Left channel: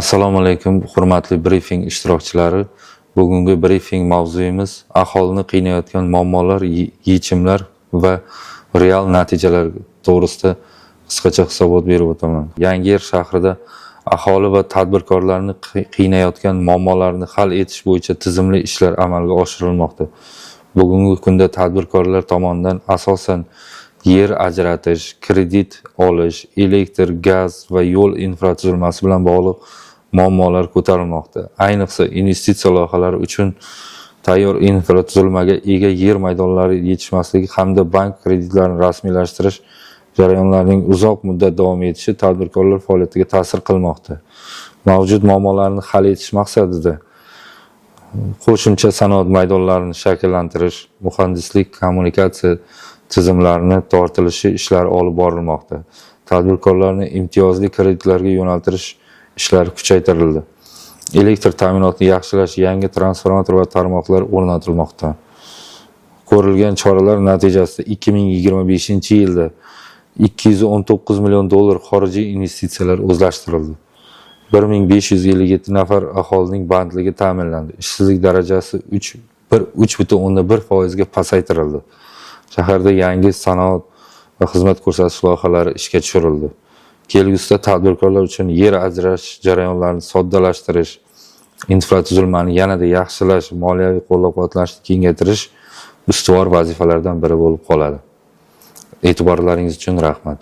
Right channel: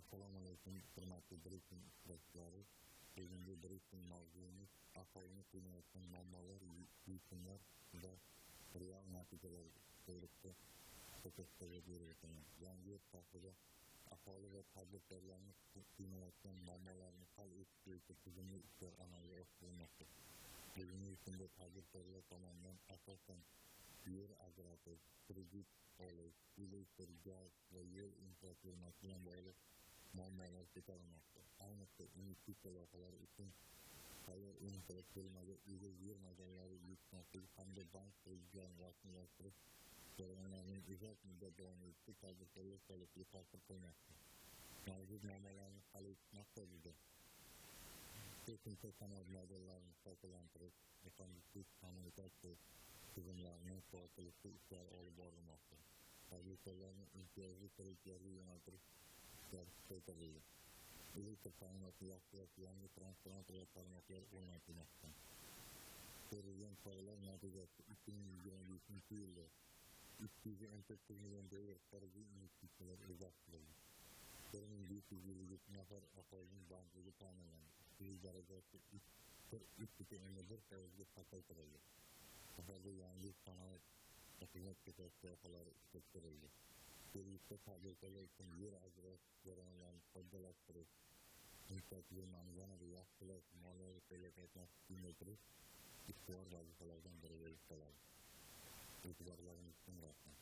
Assalomu alaykum, hurmatli brifing ishtirokchilari. Bugungi brifing mavzuyimiz aholini qiynayotgan muammolar, yechimlar va real natijalar to'g'risida qisqacha hisobot berib o'taman. Yangiyer shahrida aholi va tadbirkorlarni qiynayotgan muammolarni hal etish bo'yicha tizimli ishlar amalga oshirilmoqda. Bugungi kunda tadbirkorlar tomonidan asosan yer ajratish, kredit olish, elektr, gaz va yo'l infratuzilmasi bilan bog'liq muammolar ko'tarilmoqda. Ayniqsa investitsiya loyihalari uchun tayyor infratuzilmaga ega yer maydonlari yetishmasligi hamda bank kreditlarini rasmiylashtirish jarayonlarining uzoq muddat davom etishi tadbirkorlar faoliyatiga ta'sir qilmoqda. Mavjud muammolarni hal etish maqsadida qo'shimcha sanoat maydonlarini shakllantirish, muhandislik, kommunikatsiya tizimlarini tortilishi ishlari olib borilmoqda. Tadbirkorlarni imtiyozli kreditlarga yo'naltirish ishlari kuchaytirildi. Elektr ta'minotini yaxshilash, yangi transformator va tarmoqlar o'rnatilmoqda. Ko'rilgan choralar natijasida 2025-yilda 219 million dollar xorijiy investitsiyalar o'zlashtirildi. 1557 nafar aholining bandligi ta'minlandi. Ishsizlik darajasi 3,1% ga pasaytirildi. Shaharda yangi sanoat va xizmat ko'rsatish loyihalari ishga tushirildi. Kelgusida tadbirkorlar uchun yer ajratish jarayonlarini soddalashtirish, infratuzilmani yanada yaxshilash, moliyaviy qo'llab-quvvatlashni kengaytirish ustuvor vazifalardan biri bo'lib qoladi. E'tiborlaringiz uchun rahmat.